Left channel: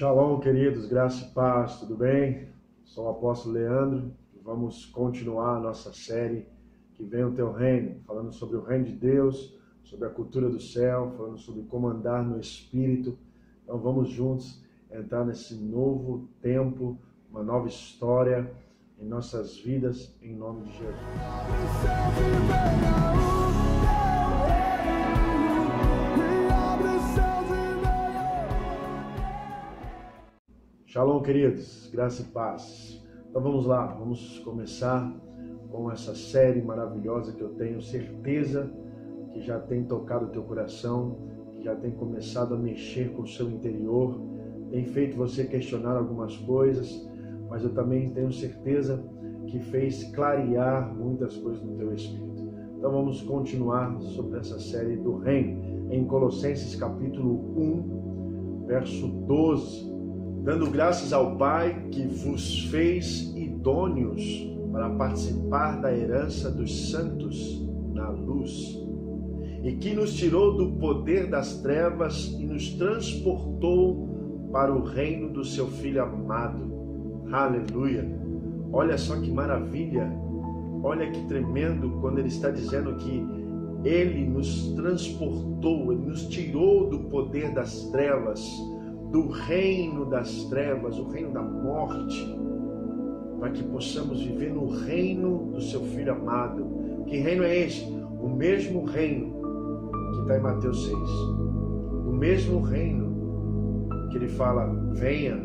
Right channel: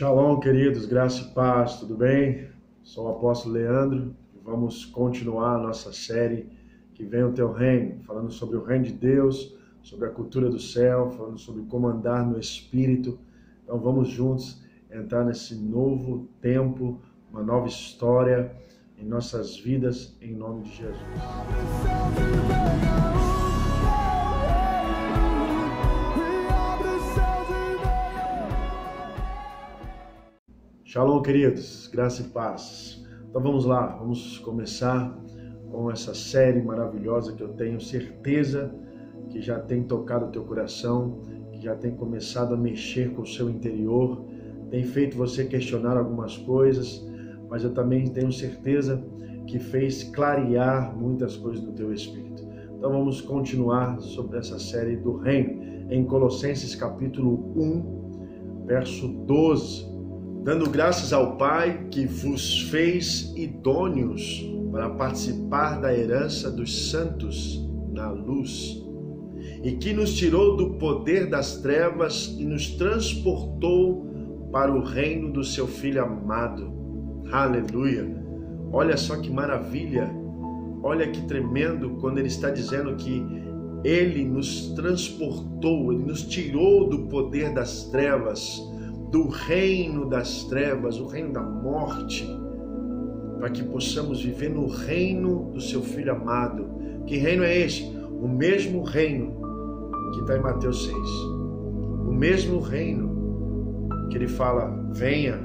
Shalom, queridos, graça e paz, tudo bem? Sou o apóstolo Leandro e vamos continuar a nossa série Que Venha o Teu Reino, falando sobre o reino de Deus, sobre a cultura do céu, falando sobre como andar no Espírito. Então vamos juntos entrar nesse novo tempo, uma nova história em nossas vidas, em nome de Jesus. Shalom, queridos, graça e paz. Então vamos lá, vamos começar com essa série maravilhosa que eu tenho certeza que já tem tocado o teu coração, que já tem começado a mexer com o seu interior, tem feito você questionar algumas coisas, mas eu também tenho certeza que fez clarear muitas coisas no teu espírito. Então vamos continuar sobre essa série do reino, em Colossenses capítulo 1, verso 12. Dando graças ao Pai que vos fez idôneos para participar da herança dos santos na luz, e que nos tirou do poder das trevas e nos transportou para o reino do seu Filho amado. Aleluia! Olha só que maravilha, olha que tremendo quando ele está dizendo que ele nos transportou, ele nos tirou do poder das trevas, do reino das trevas, o reino da morte, para que possamos viver no reino do seu Filho amado. Que reino é este? O mesmo reino que está em Mateus 6. O mesmo reino que ele fala, venha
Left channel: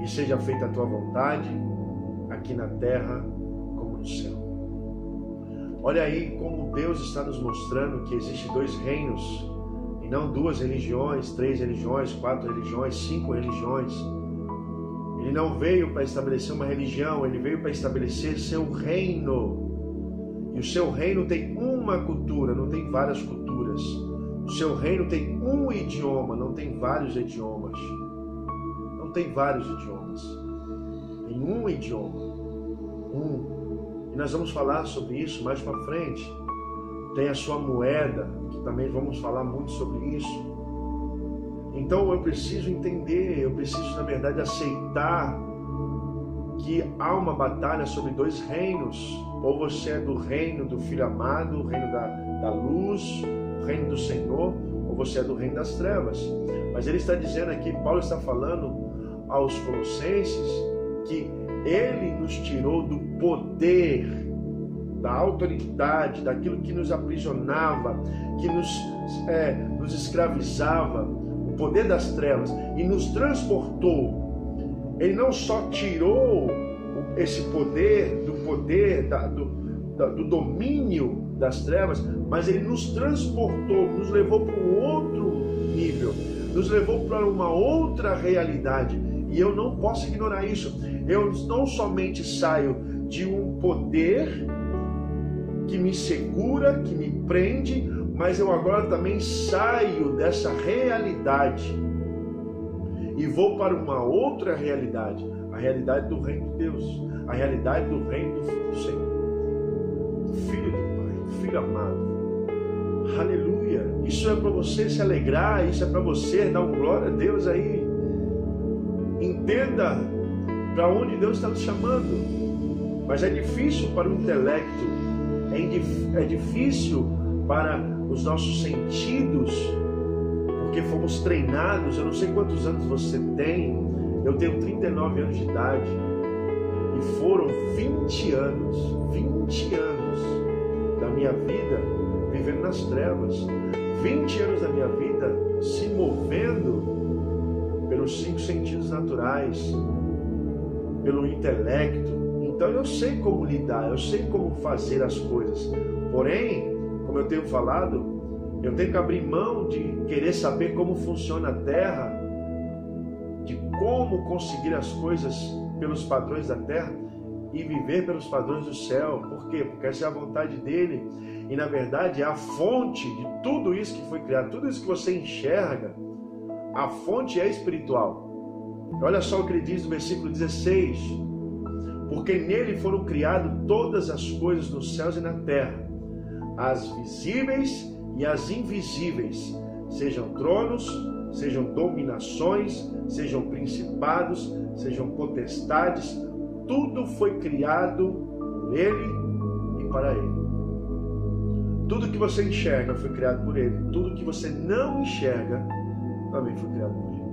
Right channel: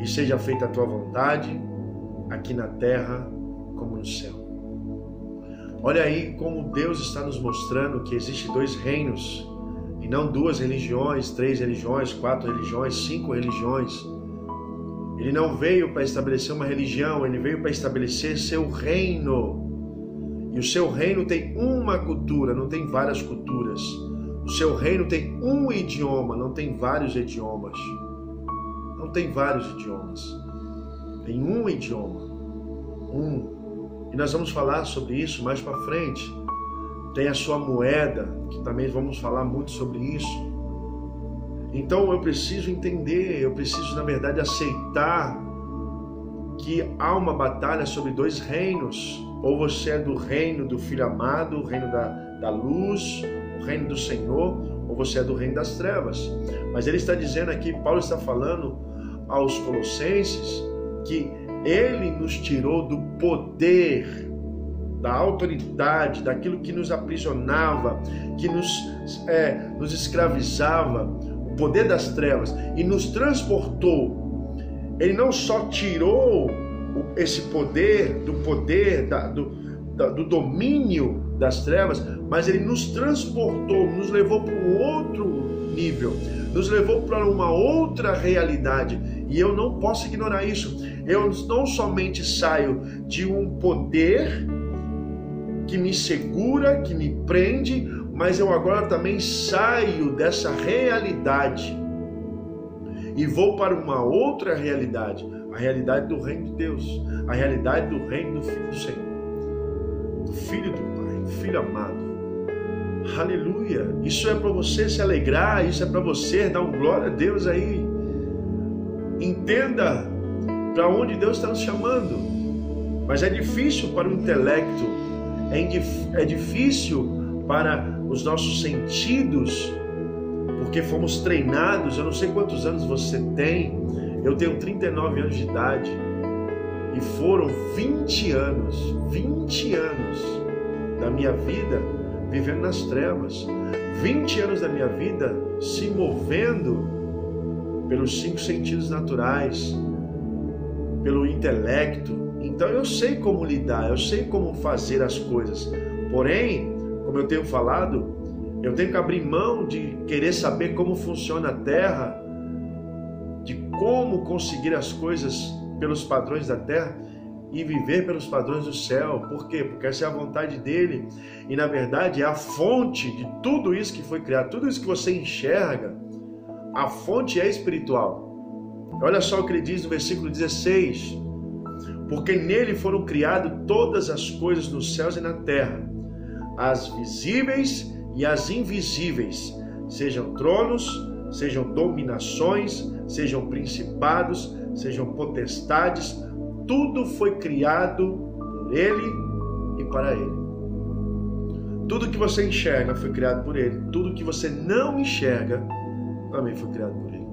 e seja feita a tua vontade, aqui na terra como no céu. Olha aí como Deus está nos mostrando que existem dois reinos, e não duas religiões, 3 religiões, 4 religiões, 5 religiões. Ele não veio para estabelecer uma religião, ele veio para estabelecer seu reino. E o seu reino tem uma cultura, não tem várias culturas. O seu reino tem um idioma, não tem vários idiomas. Não tem vários idiomas. Tem um idioma. E nós vamos falar sobre isso mais para frente. Tem a sua moeda, que também vamos falar muito sobre isso. Então eu preciso entender, eu preciso na verdade aceitar que há uma batalha sobre dois reinos. Ou você é do reino do Filho amado, o reino da luz, o reino do Senhor, ou você é do reino das trevas. Mas ele está dizendo aqui, Paulo está falando aos Colossenses, que ele nos tirou do poder, da autoridade, daquilo que nos aprisionava, que nos escravizava, o poder das trevas, e nos transportou. Ele não só tirou esse poder, do domínio das trevas, mas ele nos transportou, nos levou para um outro nível, nos levou para uma outra realidade. E eu não posso ignorar isso. Eu não somente saio de um poder que me segura, que me prende, mas eu agora também saio dessa realidade e vou para uma outra realidade, a realidade do reino de Deus, a realidade do reino do Filho do Senhor, do Filho do Pai, Filho amado. Aleluia! Isso é para você se alegrar, isso é para você dar um glória a Deus aí. Entenda para onde Deus está nos chamando, mas é difícil para o intelecto, é difícil para os nossos sentidos, porque fomos treinados. Eu não sei quantos anos você tem, eu tenho 39 anos de idade, e foram 20 anos da minha vida vivendo nas trevas, 20 anos da minha vida se movendo pelos 5 sentidos naturais, pelo intelecto. Então eu sei como lidar, eu sei como fazer as coisas. Porém, como eu tenho falado, eu tenho que abrir mão de querer saber como funciona a terra, de como conseguir as coisas pelos padrões da terra e viver pelos padrões do céu. Por quê? Porque essa é a vontade dele. E na verdade é a fonte de tudo isso que foi criado, tudo isso que você enxerga. A fonte é espiritual. Olha só o que ele diz no versículo 16. Porque nele foram criadas todas as coisas nos céus e na terra, as visíveis e as invisíveis, sejam tronos, sejam dominações, sejam principados, sejam potestades, tudo foi criado por Ele e para Ele. Tudo que você enxerga foi criado por Ele. Tudo que você não enxerga também foi criado por Ele.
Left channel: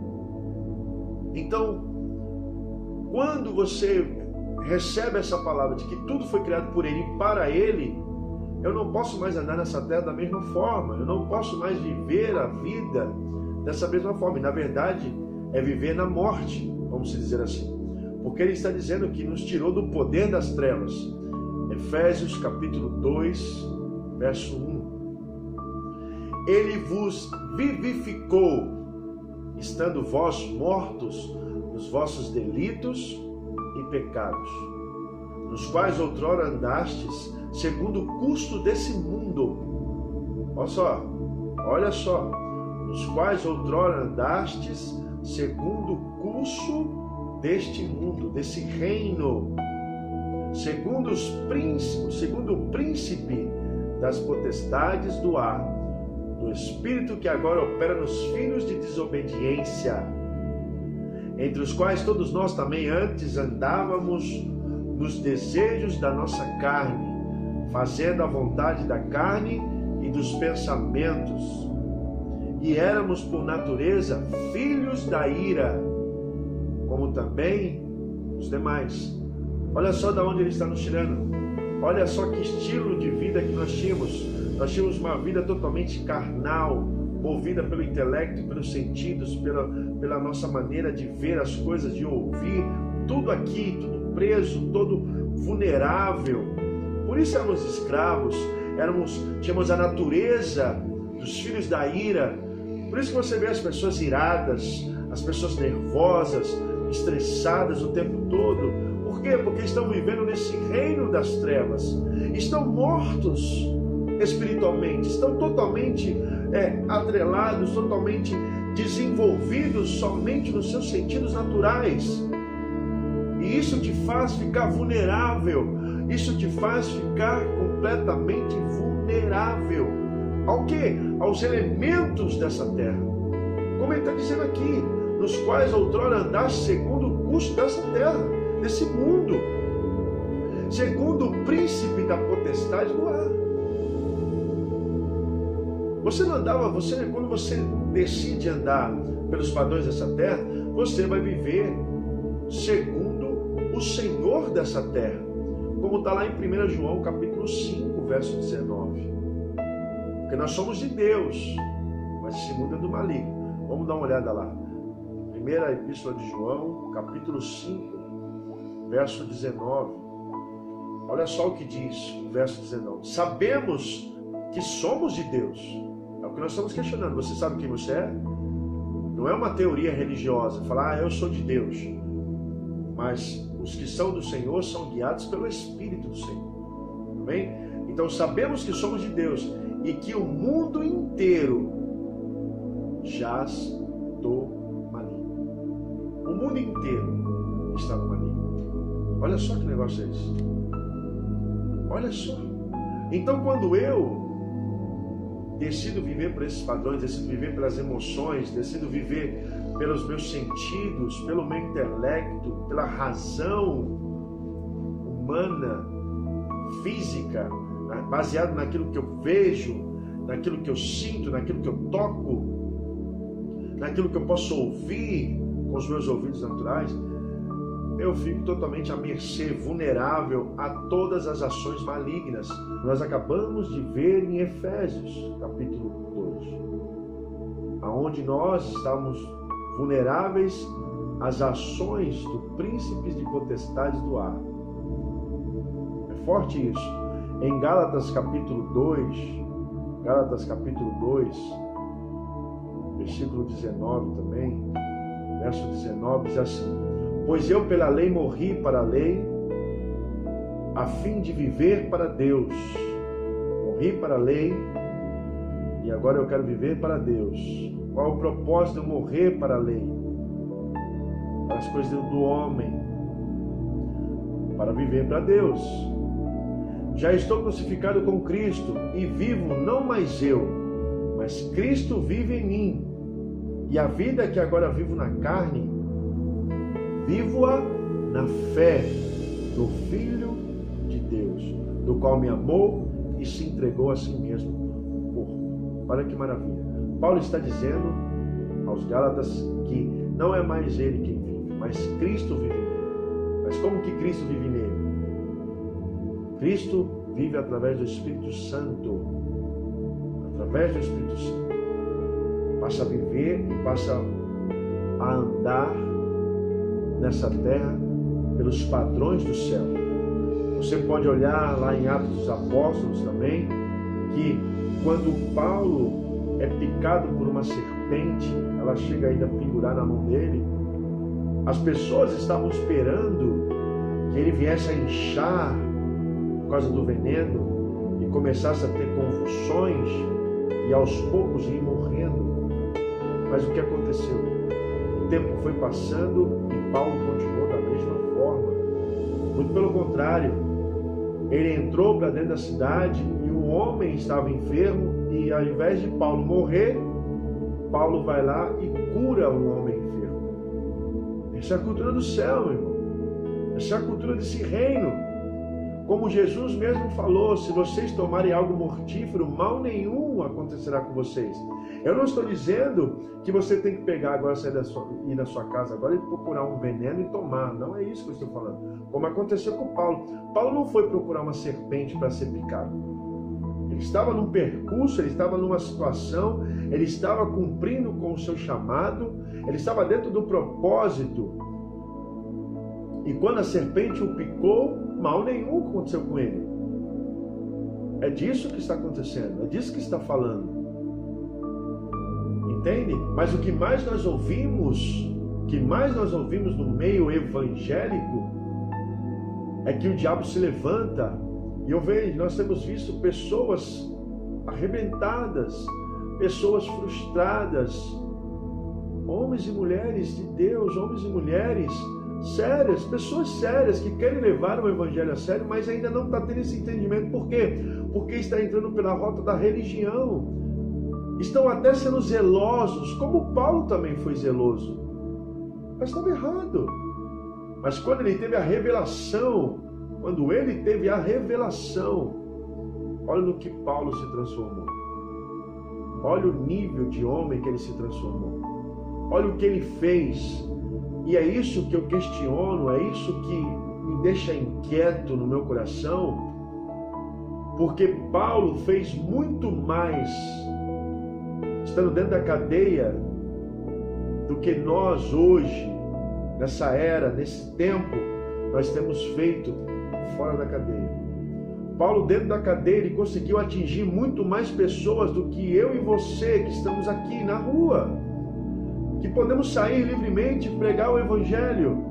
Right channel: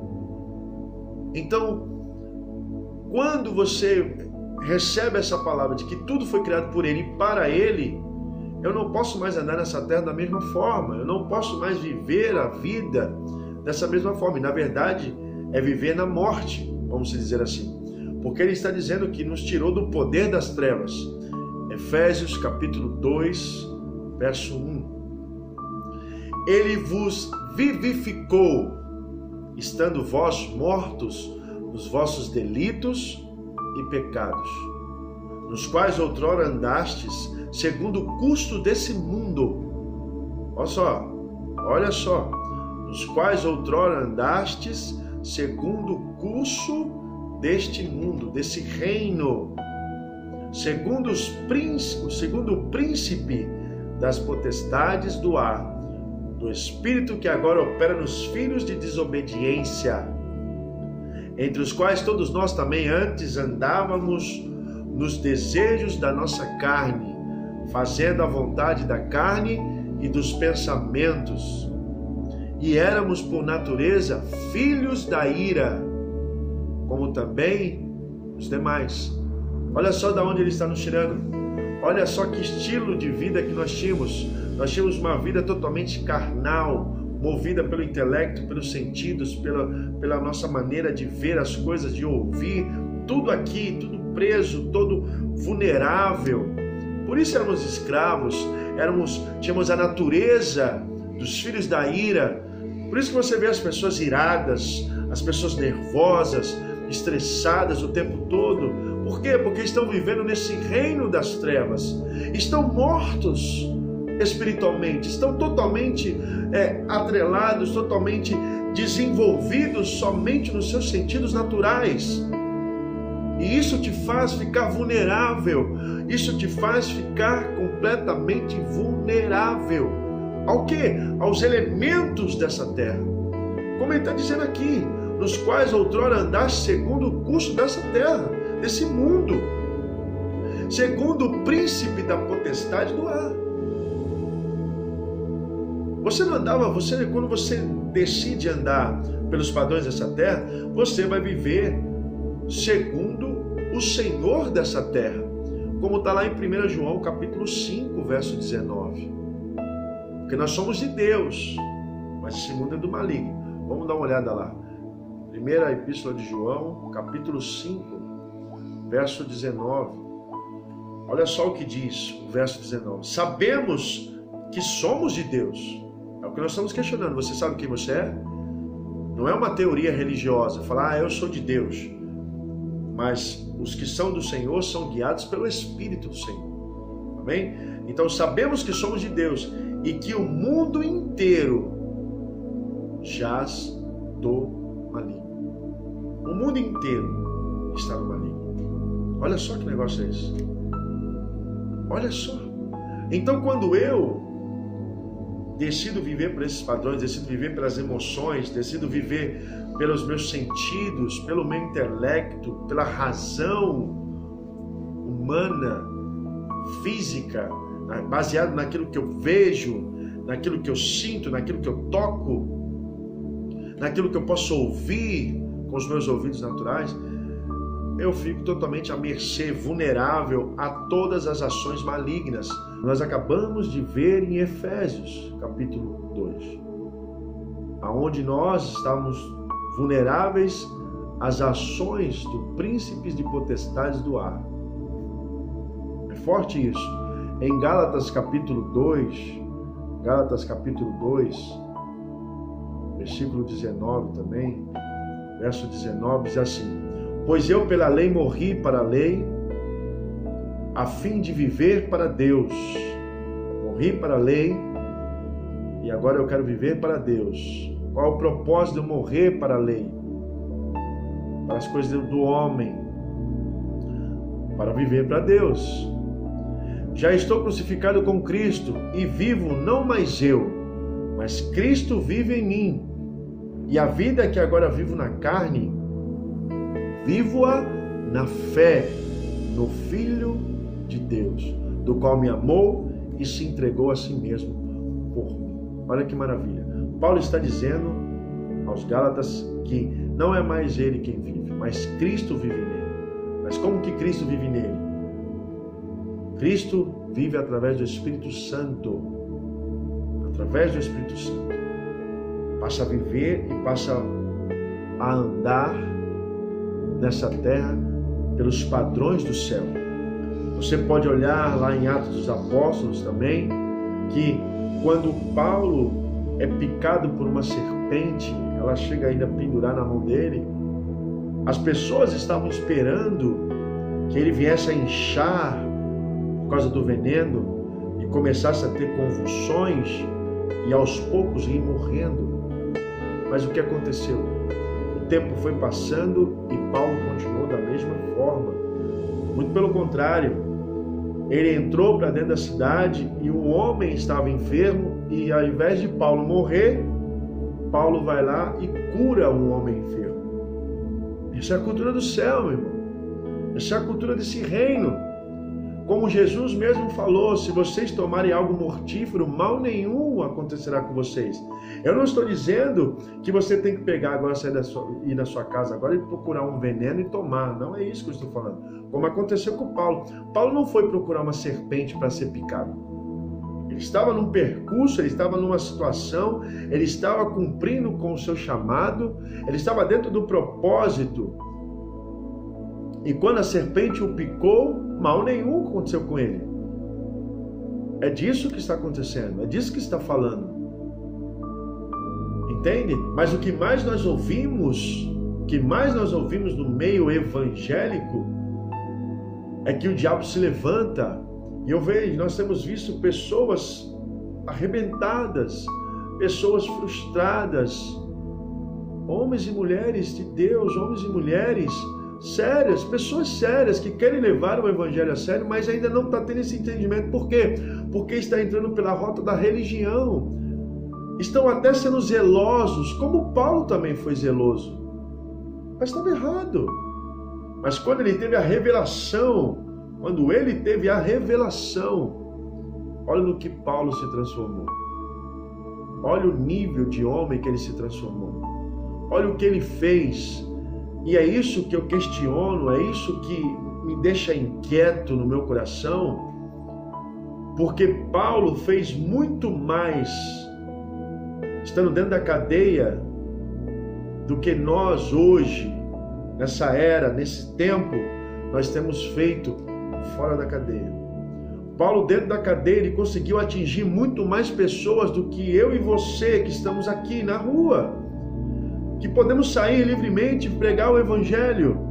Então, quando você recebe essa palavra de que tudo foi criado por Ele e para Ele, eu não posso mais andar nessa terra da mesma forma. Eu não posso mais viver a vida dessa mesma forma. E, na verdade, é viver na morte, vamos dizer assim. Porque Ele está dizendo que nos tirou do poder das trevas. Efésios capítulo 2, verso 1. Ele vos vivificou, estando vós mortos nos vossos delitos e pecados, nos quais outrora andastes, segundo o curso desse mundo. Olha só, nos quais outrora andastes, segundo o curso deste mundo, desse reino, segundo o príncipe das potestades do ar, do espírito que agora opera nos filhos de desobediência, entre os quais todos nós também antes andávamos nos desejos da nossa carne, fazendo a vontade da carne e dos pensamentos, e éramos por natureza filhos da ira, como também os demais. Olha só de onde Ele está nos tirando. Olha só que estilo de vida que nós tínhamos. Nós tínhamos uma vida totalmente carnal, movida pelo intelecto, pelos sentidos, pela nossa maneira de ver as coisas, de ouvir, tudo aqui, tudo preso, todo vulnerável. Por isso éramos escravos, tínhamos a natureza dos filhos da ira. Por isso que você vê as pessoas iradas, as pessoas nervosas, estressadas o tempo todo. Por quê? Porque estão vivendo nesse reino das trevas. Estão mortos espiritualmente, estão totalmente atrelados, totalmente desenvolvidos somente nos seus sentidos naturais. E isso te faz ficar vulnerável, isso te faz ficar completamente vulnerável. Ao quê? Aos elementos dessa terra. Como ele está dizendo aqui, nos quais outrora andaste segundo o curso dessa terra, desse mundo, segundo o príncipe da potestade do ar. Você não andava, quando você decide andar pelos padrões dessa terra, você vai viver segundo o Senhor dessa terra, como está lá em 1 João capítulo 5, verso 19. Porque nós somos de Deus, mas esse mundo é do maligno. Vamos dar uma olhada lá. Primeira Epístola de João, capítulo 5, verso 19. Olha só o que diz o verso 19. Sabemos que somos de Deus. É o que nós estamos questionando. Você sabe quem você é? Não é uma teoria religiosa, falar, eu sou de Deus. Mas os que são do Senhor são guiados pelo Espírito do Senhor. Amém? Então sabemos que somos de Deus e que o mundo inteiro jaz do maligno. O mundo inteiro está no maligno. Olha só que negócio é esse. Olha só. Então quando eu decido viver por esses padrões, decido viver pelas emoções, decido viver pelos meus sentidos, pelo meu intelecto, pela razão humana, física, baseado naquilo que eu vejo, naquilo que eu sinto, naquilo que eu toco, naquilo que eu posso ouvir com os meus ouvidos naturais, eu fico totalmente à mercê, vulnerável a todas as ações malignas. Nós acabamos de ver em Efésios, capítulo 2, aonde nós estamos vulneráveis às ações do príncipes de potestades do ar. É forte isso. Em Gálatas capítulo 2, versículo 19 também, verso 19 diz assim: pois eu pela lei morri para a lei, a fim de viver para Deus. Morri para a lei e agora eu quero viver para Deus. Qual é o propósito de eu morrer para a lei? Para as coisas do homem. Para viver para Deus. Já estou crucificado com Cristo e vivo não mais eu, mas Cristo vive em mim. E a vida que agora vivo na carne, vivo-a na fé no Filho de Deus, do qual me amou e se entregou a si mesmo por mim. Olha que maravilha. Paulo está dizendo aos Gálatas que não é mais ele quem vive, mas Cristo vive nele. Mas como que Cristo vive nele? Cristo vive através do Espírito Santo. Através do Espírito Santo. Passa a viver e passa a andar nessa terra pelos padrões do céu. Você pode olhar lá em Atos dos Apóstolos também, que quando Paulo é picado por uma serpente, ela chega ainda a pendurar na mão dele, as pessoas estavam esperando que ele viesse a inchar por causa do veneno e começasse a ter convulsões e aos poucos ir morrendo. Mas o que aconteceu? O tempo foi passando e Paulo continuou da mesma forma. Muito pelo contrário, ele entrou para dentro da cidade e um homem estava enfermo e ao invés de Paulo morrer, Paulo vai lá e cura um homem enfermo. Essa é a cultura do céu, meu irmão. Essa é a cultura desse reino. Como Jesus mesmo falou, se vocês tomarem algo mortífero, mal nenhum acontecerá com vocês. Eu não estou dizendo que você tem que pegar agora, ir na sua casa agora e procurar um veneno e tomar. Não é isso que eu estou falando. Como aconteceu com Paulo. Paulo não foi procurar uma serpente para ser picado. Ele estava num percurso, ele estava numa situação, ele estava cumprindo com o seu chamado, ele estava dentro do propósito. E quando a serpente o picou, mal nenhum aconteceu com ele. É disso que está acontecendo, é disso que está falando. Entende? Mas o que mais nós ouvimos, no meio evangélico, é que o diabo se levanta. E eu vejo, nós temos visto pessoas arrebentadas, pessoas frustradas, homens e mulheres de Deus, homens e mulheres sérias, pessoas sérias que querem levar o evangelho a sério, mas ainda não está tendo esse entendimento. Por quê? Porque está entrando pela rota da religião. Estão até sendo zelosos, como Paulo também foi zeloso. Mas estava errado. Mas quando ele teve a revelação, olha no que Paulo se transformou. Olha o nível de homem que ele se transformou. Olha o que ele fez. E é isso que eu questiono, é isso que me deixa inquieto no meu coração, porque Paulo fez muito mais estando dentro da cadeia do que nós hoje, nessa era, nesse tempo, nós temos feito fora da cadeia. Paulo dentro da cadeia, ele conseguiu atingir muito mais pessoas do que eu e você que estamos aqui na rua, que podemos sair livremente e pregar o evangelho.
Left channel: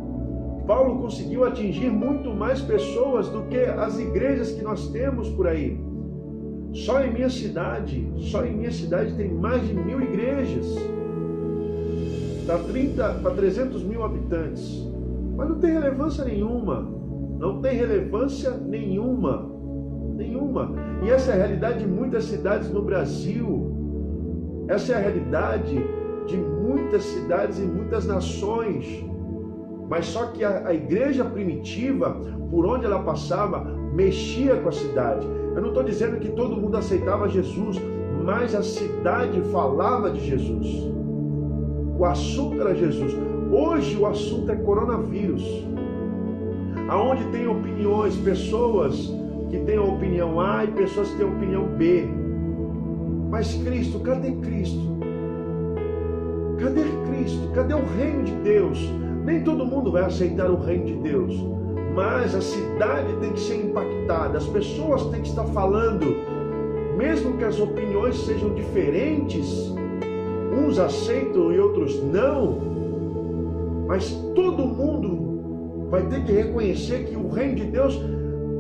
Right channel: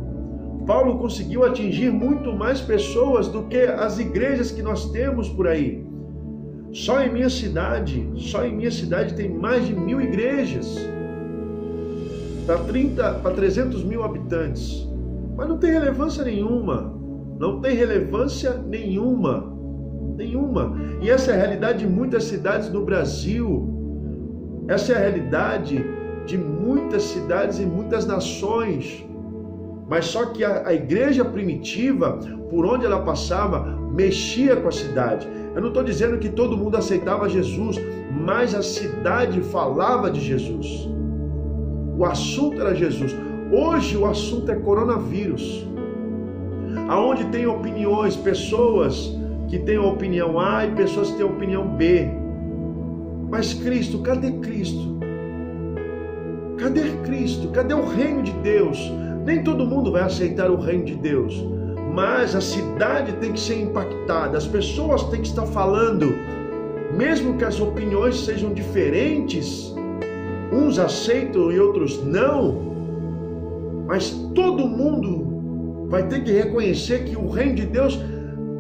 Paulo conseguiu atingir muito mais pessoas do que as igrejas que nós temos por aí. Só em minha cidade tem mais de 1000 igrejas. Para 300 mil habitantes. Mas não tem relevância nenhuma. Não tem relevância nenhuma. E essa é a realidade de muitas cidades no Brasil. Essa é a realidade de muitas cidades e muitas nações. Mas só que a igreja primitiva, por onde ela passava, mexia com a cidade. Eu não estou dizendo que todo mundo aceitava Jesus, mas a cidade falava de Jesus. O assunto era Jesus. Hoje o assunto é coronavírus. Aonde tem opiniões, pessoas que têm a opinião A e pessoas que têm a opinião B. Mas Cristo, cadê Cristo? Cadê Cristo? Cadê o reino de Deus? Nem todo mundo vai aceitar o reino de Deus, mas a cidade tem que ser impactada, as pessoas têm que estar falando, mesmo que as opiniões sejam diferentes, uns aceitam e outros não, mas todo mundo vai ter que reconhecer que o reino de Deus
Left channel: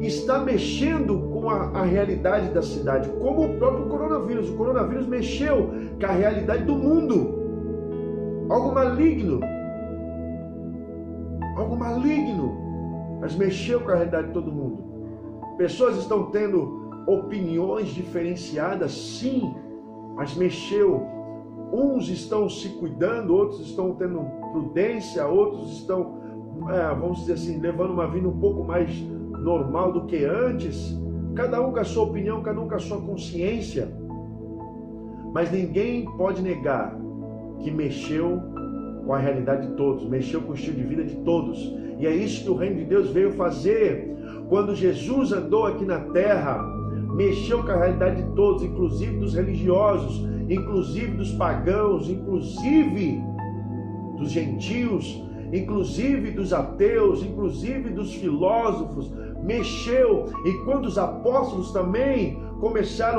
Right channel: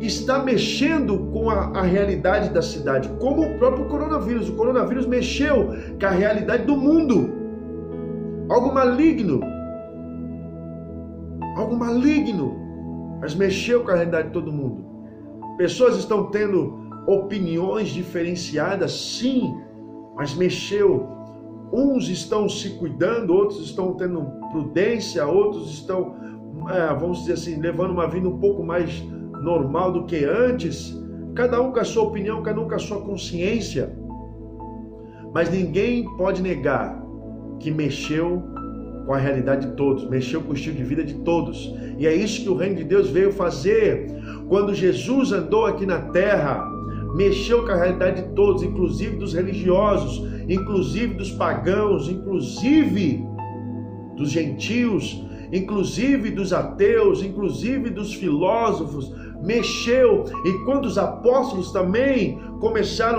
está mexendo com a realidade da cidade, como o próprio coronavírus. O coronavírus mexeu com a realidade do mundo. Algo maligno, mas mexeu com a realidade de todo mundo. Pessoas estão tendo opiniões diferenciadas, sim, mas mexeu. uns estão se cuidando, outros estão tendo prudência, outros estão, vamos dizer assim, levando uma vida um pouco mais normal do que antes. Cada um com a sua opinião, cada um com a sua consciência. Mas ninguém pode negar que mexeu com a realidade de todos, mexeu com o estilo de vida de todos. E é isso que o reino de Deus veio fazer. Quando Jesus andou aqui na terra, mexeu com a realidade de todos, inclusive dos religiosos, inclusive dos pagãos, inclusive dos gentios, inclusive dos ateus, inclusive dos filósofos. Mexeu. E quando os apóstolos também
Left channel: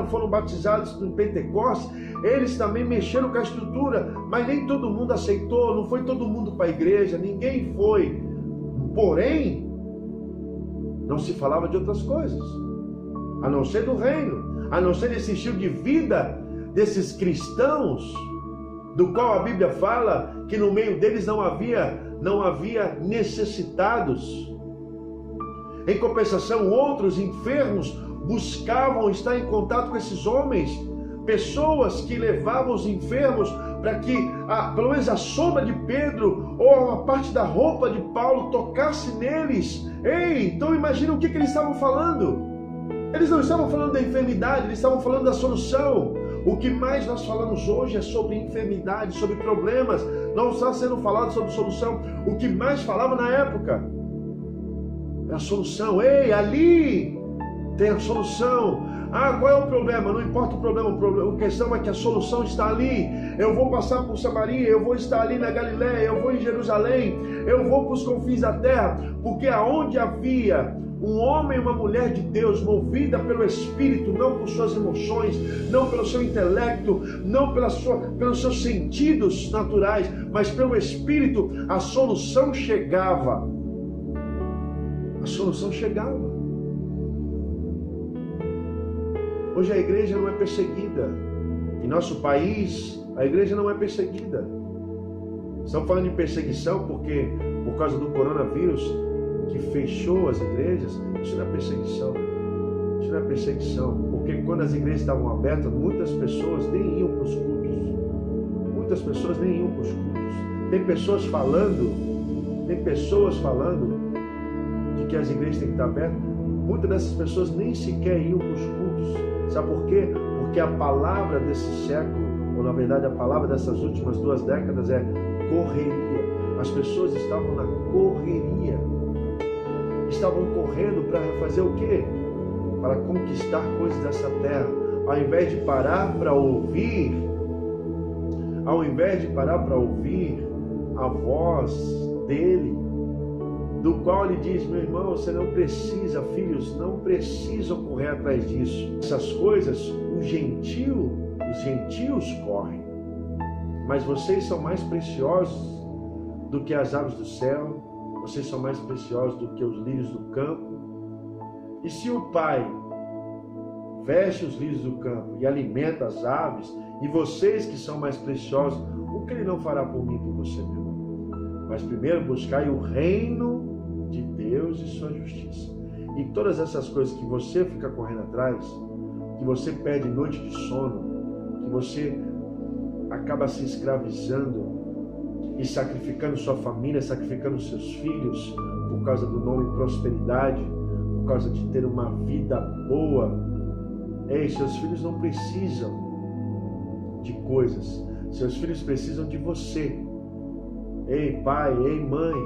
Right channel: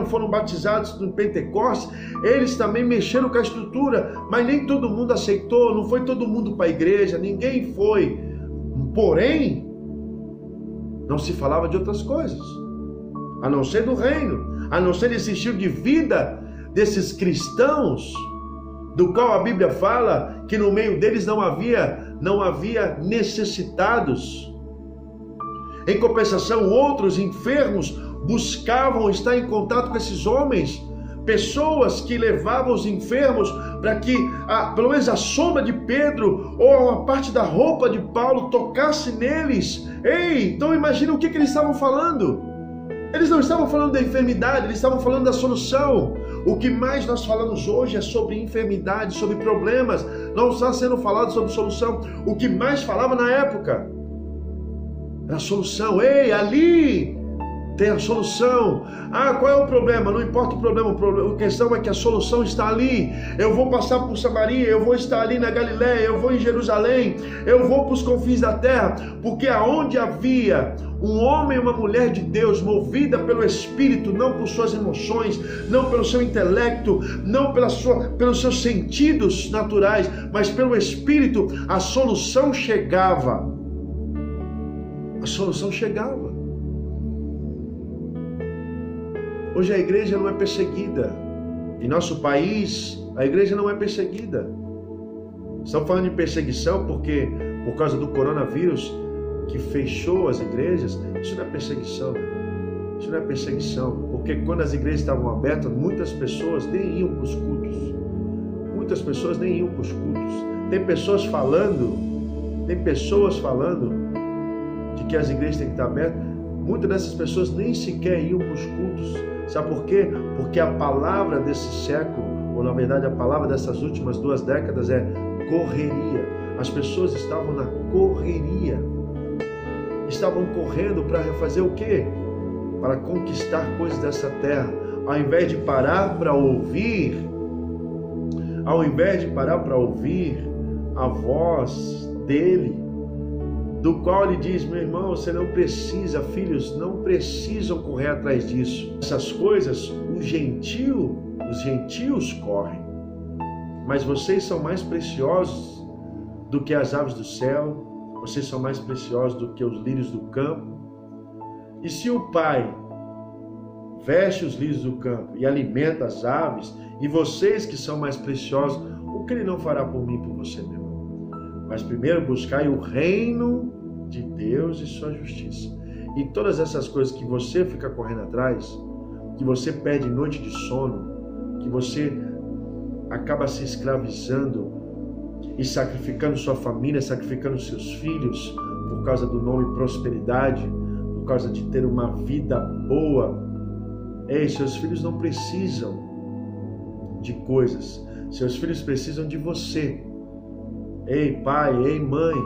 foram batizados no Pentecostes, eles também mexeram com a estrutura, mas nem todo mundo aceitou, não foi todo mundo para a igreja, ninguém foi. Porém, não se falava de outras coisas, a não ser do reino, a não ser desse estilo de vida desses cristãos, do qual a Bíblia fala que no meio deles não havia necessitados. Em compensação, outros enfermos buscavam estar em contato com esses homens, pessoas que levavam os enfermos para que, pelo menos a sombra de Pedro ou a parte da roupa de Paulo tocasse neles. Ei, então imagina o que eles estavam falando. Eles não estavam falando da enfermidade, eles estavam falando da solução. O que mais nós falamos hoje é sobre enfermidade, sobre problemas. Não está sendo falado sobre solução. O que mais falava na época era a solução. Ei, ali tem a solução. Qual é o problema? Não importa o problema, a questão é que a solução está ali. Eu vou passar por Samaria, eu vou estar ali na Galileia, eu vou em Jerusalém, eu vou para os confins da terra, porque aonde havia um homem e uma mulher de Deus movida pelo Espírito, não por suas emoções, não pelo seu intelecto, não pelos seus sentidos naturais, mas pelo Espírito, a solução chegava. A solução chegava. Hoje a igreja não é perseguida. Em nosso país, a igreja não é perseguida. Estamos falando de perseguição porque, por causa do coronavírus, que fechou as igrejas. Isso não é perseguição, meu. Isso não é perseguição. Porque quando as igrejas estavam abertas, muitas pessoas nem iam para os cultos. Muitas pessoas nem iam para os cultos. Tem pessoas falando de que as igrejas têm que estar abertas. Muitas dessas pessoas nem sequer iam para os cultos. Sabe por quê? Porque a palavra desse século, ou na verdade a palavra dessas últimas 2 décadas é correria. As pessoas estavam na correria. Estavam correndo para fazer o quê? Para conquistar coisas dessa terra. Ao invés de parar para ouvir, a voz dele, do qual ele diz: meu irmão, você não precisa, filhos, não precisam correr atrás disso. Essas coisas os gentios correm, mas vocês são mais preciosos do que as aves do céu, vocês são mais preciosos do que os lírios do campo. E se o Pai veste os lírios do campo e alimenta as aves, e vocês que são mais preciosos, o que ele não fará por mim e por você, meu irmão? Mas primeiro buscai o reino de Deus e sua justiça. E todas essas coisas que você fica correndo atrás, que você perde noite de sono, que você acaba se escravizando e sacrificando sua família, sacrificando seus filhos por causa do nome prosperidade, por causa de ter uma vida boa. Ei, seus filhos não precisam de coisas. Seus filhos precisam de você. Ei, pai, ei, mãe,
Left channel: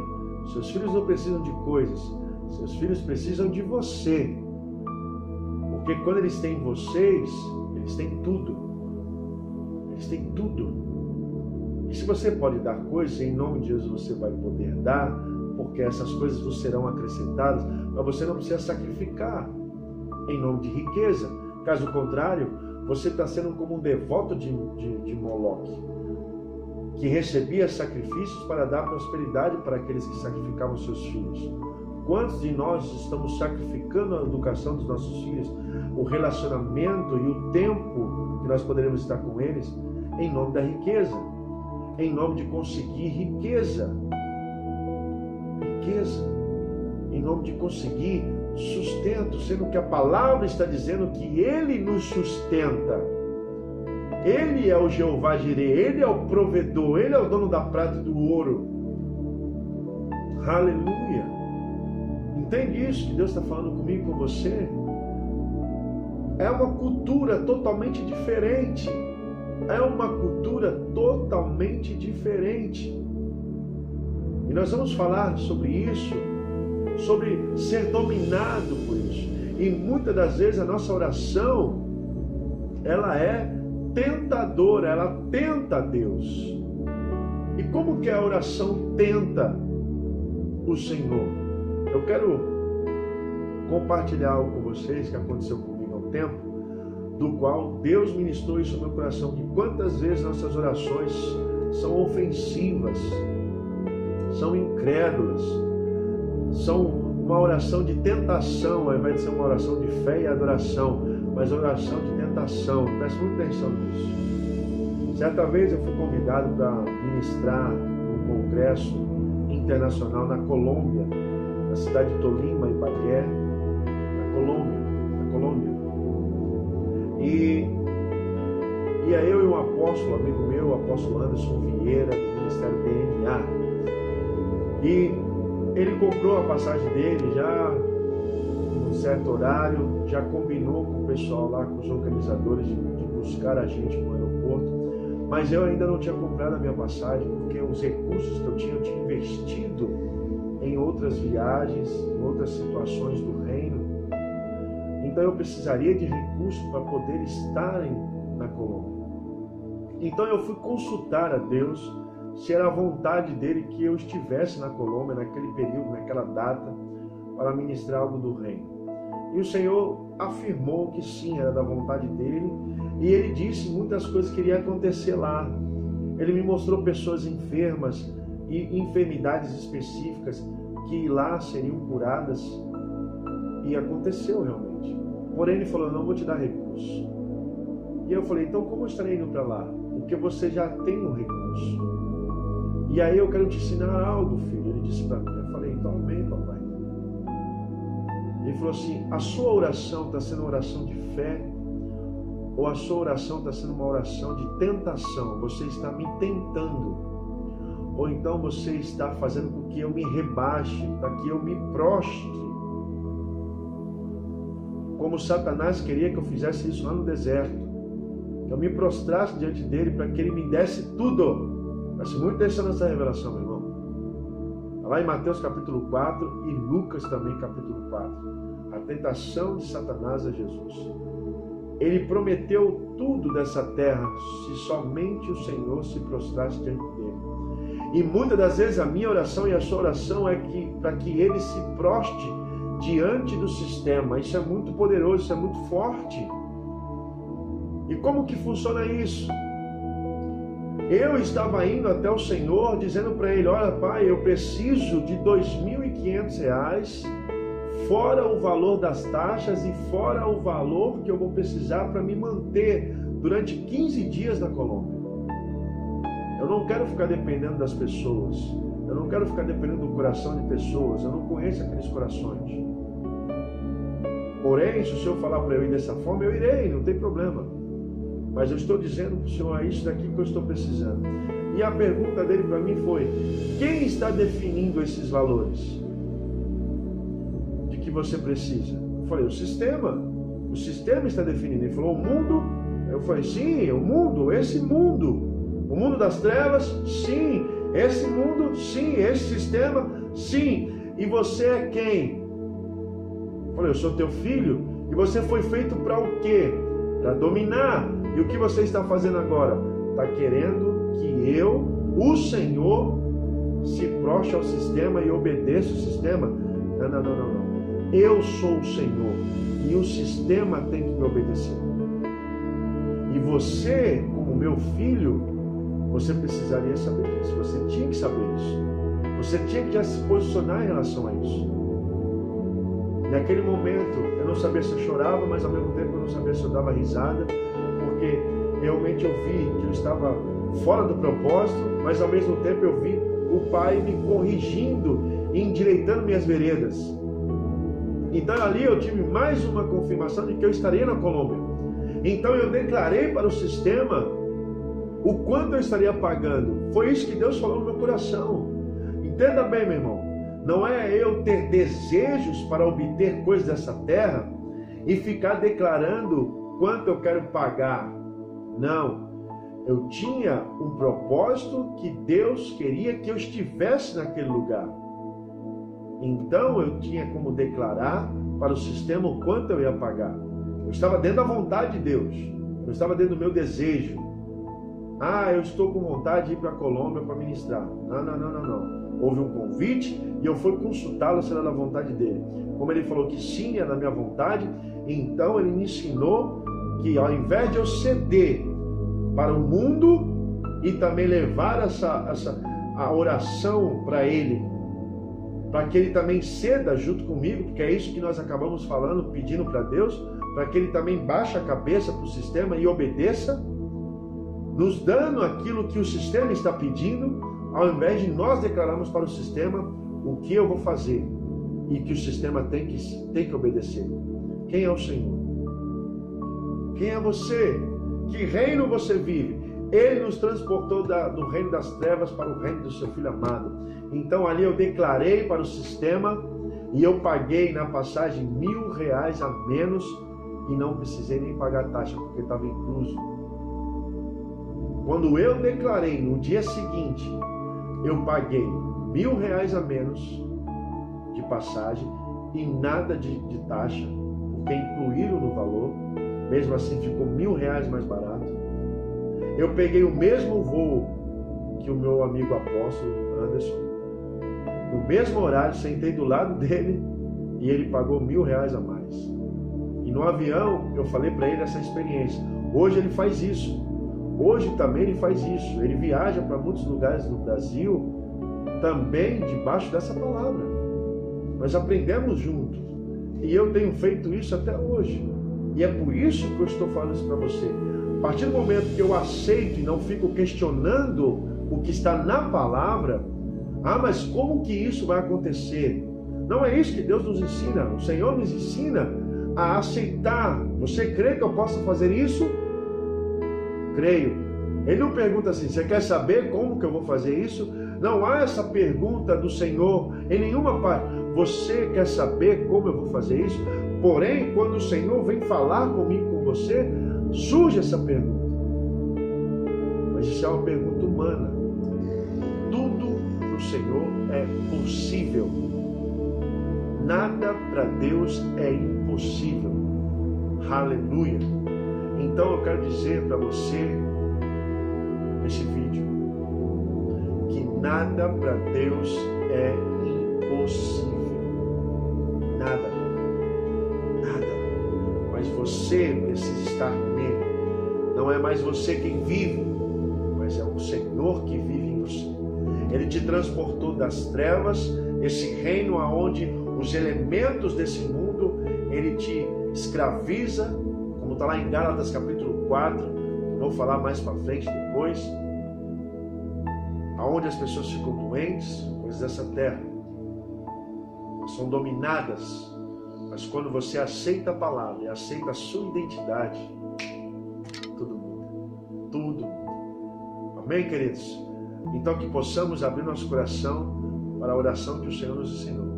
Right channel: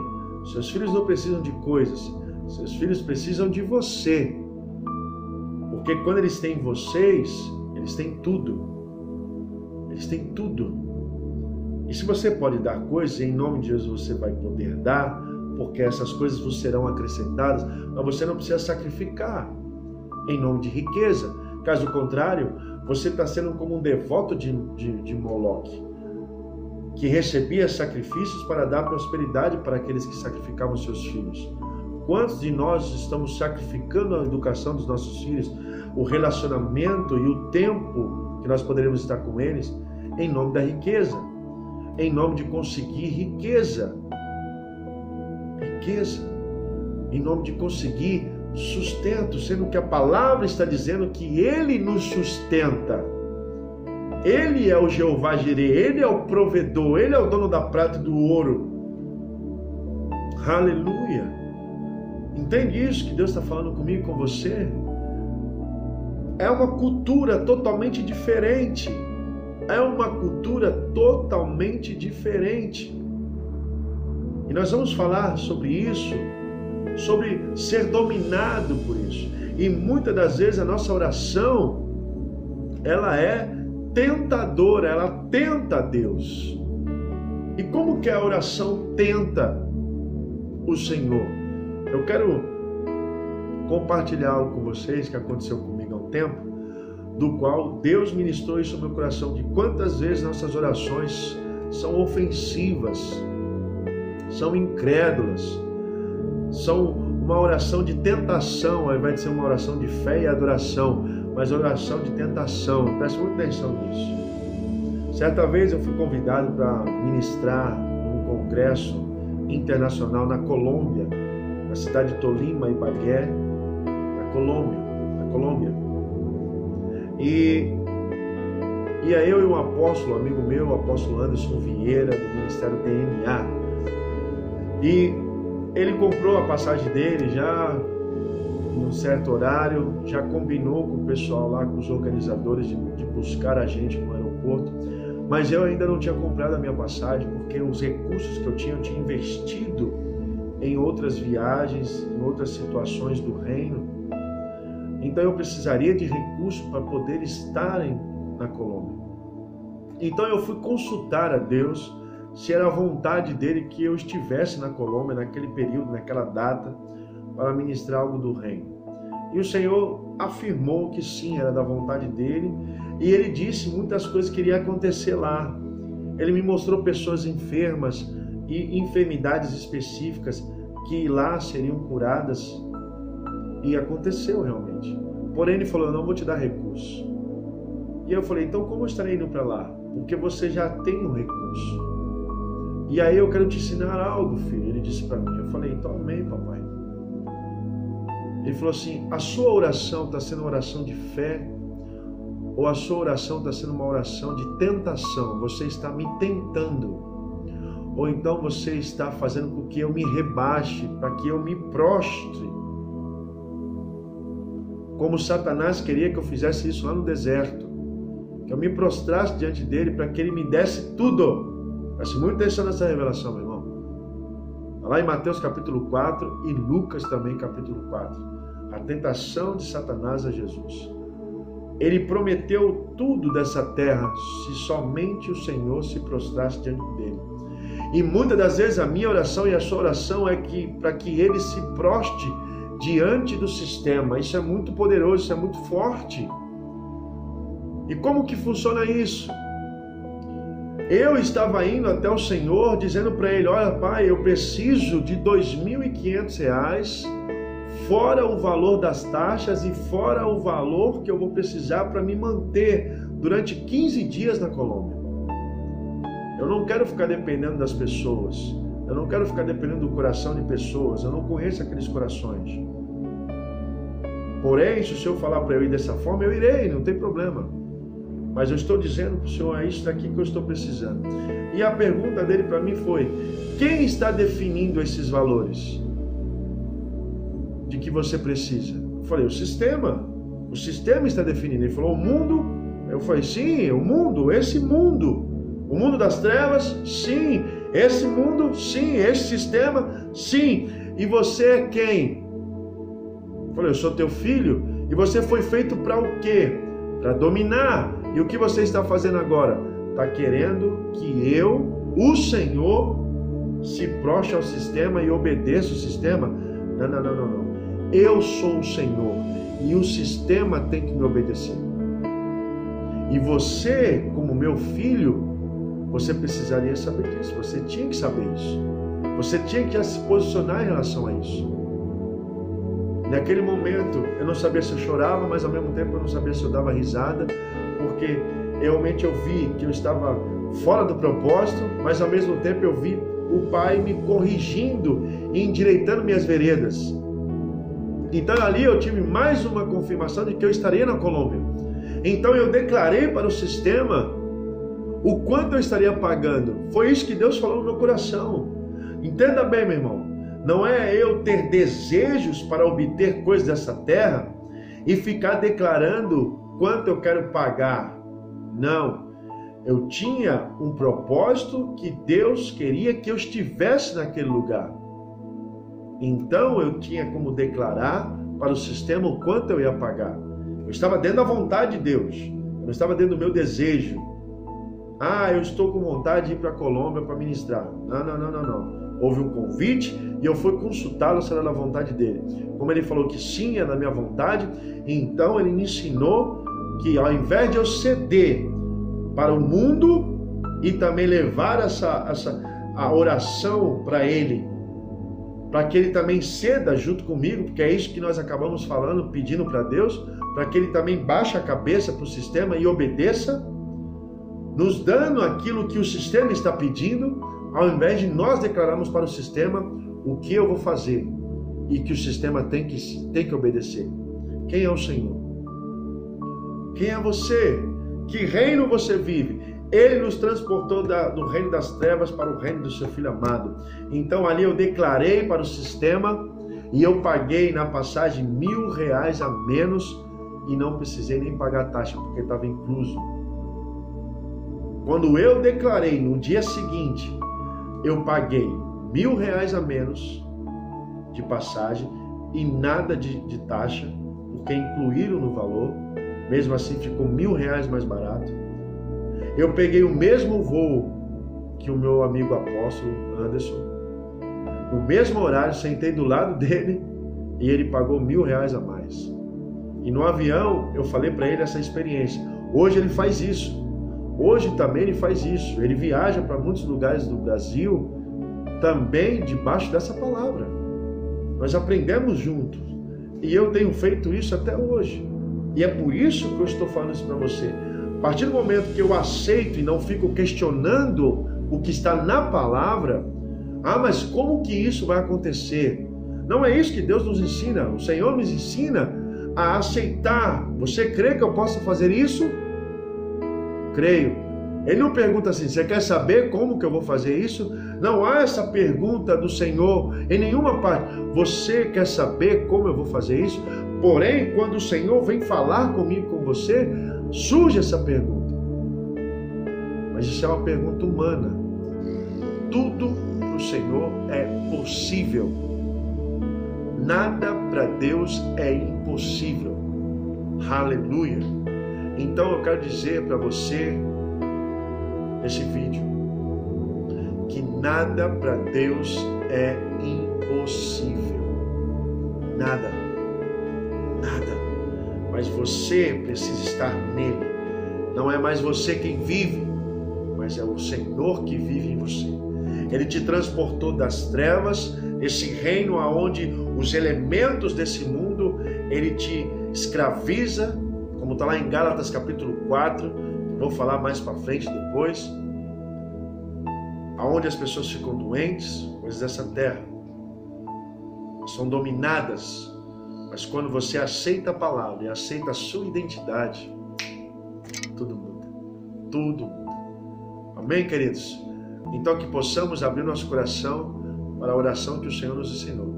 seus filhos não precisam de coisas, seus filhos precisam de você. Porque quando eles têm vocês, eles têm tudo. Eles têm tudo. E se você pode dar coisas, em nome de Jesus você vai poder dar, porque essas coisas vos serão acrescentadas, mas você não precisa sacrificar em nome de riqueza. Caso contrário, você está sendo como um devoto de Moloque, que recebia sacrifícios para dar prosperidade para aqueles que sacrificavam seus filhos. Quantos de nós estamos sacrificando a educação dos nossos filhos, o relacionamento e o tempo que nós poderemos estar com eles, em nome da riqueza, em nome de conseguir riqueza, em nome de conseguir sustento, sendo que a palavra está dizendo que Ele nos sustenta. Ele é o Jeová Jireh, Ele é o provedor, Ele é o dono da prata e do ouro. Aleluia! Entende isso que Deus está falando comigo e com você? É uma cultura totalmente diferente. É uma cultura totalmente diferente. E nós vamos falar sobre isso, sobre ser dominado por isso. E muitas das vezes a nossa oração, ela é tentadora, ela tenta a Deus. E como que a oração tenta o Senhor? Eu quero compartilhar algo com vocês que aconteceu comigo há um tempo, do qual Deus ministrou isso no meu coração, de quantas vezes nossas orações são ofensivas, são incrédulas, são uma oração de tentação, ao invés de ser uma oração de fé e adoração, mas oração de tentação. Preste muita atenção nisso. Certa vez eu fui convidado para ministrar num congresso internacional na Colômbia, na cidade de Tolima, Ibagué, na Colômbia. E aí eu e um apóstolo, amigo meu, o apóstolo Anderson Vieira, do Ministério DNA. E ele comprou a passagem dele já num certo horário, já combinou com o pessoal lá, com os organizadores, de buscar a gente no aeroporto. Mas eu ainda não tinha comprado a minha passagem, porque os recursos que eu tinha investido em outras viagens, em outras situações do reino. Então eu precisaria de recursos para poder estar na Colômbia. Então eu fui consultar a Deus se era a vontade dele que eu estivesse na Colômbia naquele período, naquela data, para ministrar algo do reino. E o Senhor afirmou que sim, era da vontade dele, e ele disse muitas coisas que iria acontecer lá. Ele me mostrou pessoas enfermas e enfermidades específicas que lá seriam curadas, e aconteceu realmente. Porém ele falou: não vou te dar recurso. E eu falei: então como eu estarei indo para lá? Porque você já tem um recurso. E aí eu quero te ensinar algo, filho. Ele disse para mim. Eu falei: então amém, papai. Ele falou assim: a sua oração está sendo uma oração de fé, ou a sua oração está sendo uma oração de tentação? Você está me tentando, ou então você está fazendo com que eu me rebaixe, para que eu me prostre, como Satanás queria que eu fizesse isso lá no deserto, que eu me prostrasse diante dele para que ele me desse tudo. Preste muita atenção nessa revelação, meu irmão. Está lá em Mateus capítulo 4 e Lucas também capítulo 4. A tentação de Satanás a Jesus. Ele prometeu tudo dessa terra se somente o Senhor se prostrasse diante dele. E muitas das vezes a minha oração e a sua oração é que para que ele se proste diante do sistema. Isso é muito poderoso, isso é muito forte. E como que funciona isso? Eu estava indo até o Senhor dizendo para ele: olha, pai, eu preciso de R$ 2.500, fora o valor das taxas e fora o valor que eu vou precisar para me manter durante 15 dias na Colômbia. Eu não quero ficar dependendo das pessoas. Eu não quero ficar dependendo do coração de pessoas. Eu não conheço aqueles corações. Porém, se o Senhor falar para eu ir dessa forma, eu irei, não tem problema. Mas eu estou dizendo para o Senhor: é isso daqui que eu estou precisando. E a pergunta dele para mim foi: quem está definindo esses valores de que você precisa? Eu falei: o sistema. O sistema está definindo. Ele falou: o mundo. Eu falei: sim, o mundo, esse mundo. O mundo das trevas, sim. Esse mundo, sim. Esse sistema, sim. E você é quem? Eu falei: eu sou teu filho. E você foi feito para o quê? Para dominar. E o que você está fazendo agora? Está querendo que eu, o Senhor, se prostre ao sistema e obedeça o sistema? Não, não, não, não, não. Eu sou o Senhor e o sistema tem que me obedecer. E você, como meu filho, você precisaria saber disso. Você tinha que saber isso. Você tinha que já se posicionar em relação a isso. Naquele momento, eu não sabia se eu chorava, mas ao mesmo tempo eu não sabia se eu dava risada, porque realmente eu vi que eu estava fora do propósito, mas ao mesmo tempo eu vi o Pai me corrigindo e endireitando minhas veredas. Então ali eu tive mais uma confirmação de que eu estaria na Colômbia. Então eu declarei para o sistema o quanto eu estaria pagando. Foi isso que Deus falou no meu coração. Entenda bem, meu irmão. Não é eu ter desejos para obter coisas dessa terra e ficar declarando quanto eu quero pagar. Não. Eu tinha um propósito que Deus queria que eu estivesse naquele lugar. Então eu tinha como declarar para o sistema o quanto eu ia pagar. Eu estava dentro da vontade de Deus. Eu não estava dentro do meu desejo. Ah, eu estou com vontade de ir para a Colômbia para ministrar. Não. Houve um convite e eu fui consultá-lo se era da vontade dele. Como ele falou que sim, é da minha vontade, então ele me ensinou que ao invés de eu ceder para o mundo e também levar a oração para ele, para que ele também ceda junto comigo, porque é isso que nós acabamos falando, pedindo para Deus, para que ele também baixe a cabeça para o sistema e obedeça, nos dando aquilo que o sistema está pedindo, ao invés de nós declararmos para o sistema o que eu vou fazer e que o sistema tem que obedecer. Quem é o Senhor? Quem é você? Que reino você vive? Ele nos transportou do reino das trevas para o reino do seu Filho amado. Então ali eu declarei para o sistema e eu paguei na passagem R$1.000 a menos e não precisei nem pagar a taxa, porque estava incluso. Quando eu declarei no dia seguinte, eu paguei R$1.000 a menos de passagem e nada de taxa, porque incluíram no valor. Mesmo assim ficou R$1.000 mais barato. Eu peguei o mesmo voo que o meu amigo apóstolo Anderson, no mesmo horário, sentei do lado dele e ele pagou R$1.000 a mais. E no avião eu falei para ele essa experiência. Hoje ele faz isso. Hoje também ele faz isso. Ele viaja para muitos lugares do Brasil também debaixo dessa palavra. Nós aprendemos juntos. E eu tenho feito isso até hoje. E é por isso que eu estou falando isso para você. A partir do momento que eu aceito e não fico questionando o que está na palavra, mas como que isso vai acontecer? Não é isso que Deus nos ensina. O Senhor nos ensina a aceitar. Você crê que eu posso fazer isso? Creio. Ele não pergunta assim, você quer saber como que eu vou fazer isso? Não há essa pergunta do Senhor em nenhuma parte. Você quer saber como eu vou fazer isso? Porém, quando o Senhor vem falar comigo, com você, surge essa pergunta. Mas isso é uma pergunta humana. Tudo para o Senhor é possível. Nada para Deus é impossível. Aleluia. Então eu quero dizer para você, nesse vídeo, que nada para Deus é impossível. Nada. Mas você precisa estar nele. Não é mais você quem vive, mas é o Senhor que vive em você. Ele te transportou das trevas, esse reino aonde os elementos desse mundo, ele te escraviza, como está lá em Gálatas capítulo 4, eu vou falar mais para frente depois, aonde as pessoas ficam doentes, coisas dessa terra, são dominadas. Mas quando você aceita a palavra e aceita a sua identidade, tudo muda. Tudo muda. Amém, queridos? Então que possamos abrir nosso coração para a oração que o Senhor nos ensinou.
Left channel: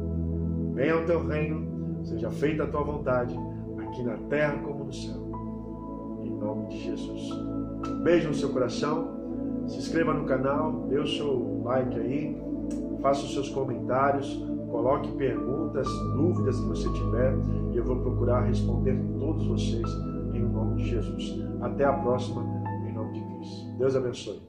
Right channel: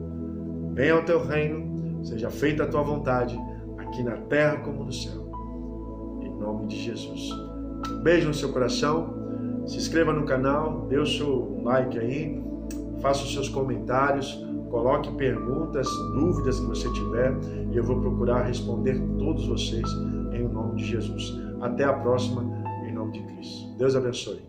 Venha ao teu reino, seja feita a tua vontade, aqui na terra como no céu. Em nome de Jesus. Beijo no seu coração. Se inscreva no canal, dê o seu like aí, faça os seus comentários. Coloque perguntas, dúvidas que você tiver e eu vou procurar responder todos vocês em nome de Jesus. Até a próxima, em nome de Cristo. Deus abençoe.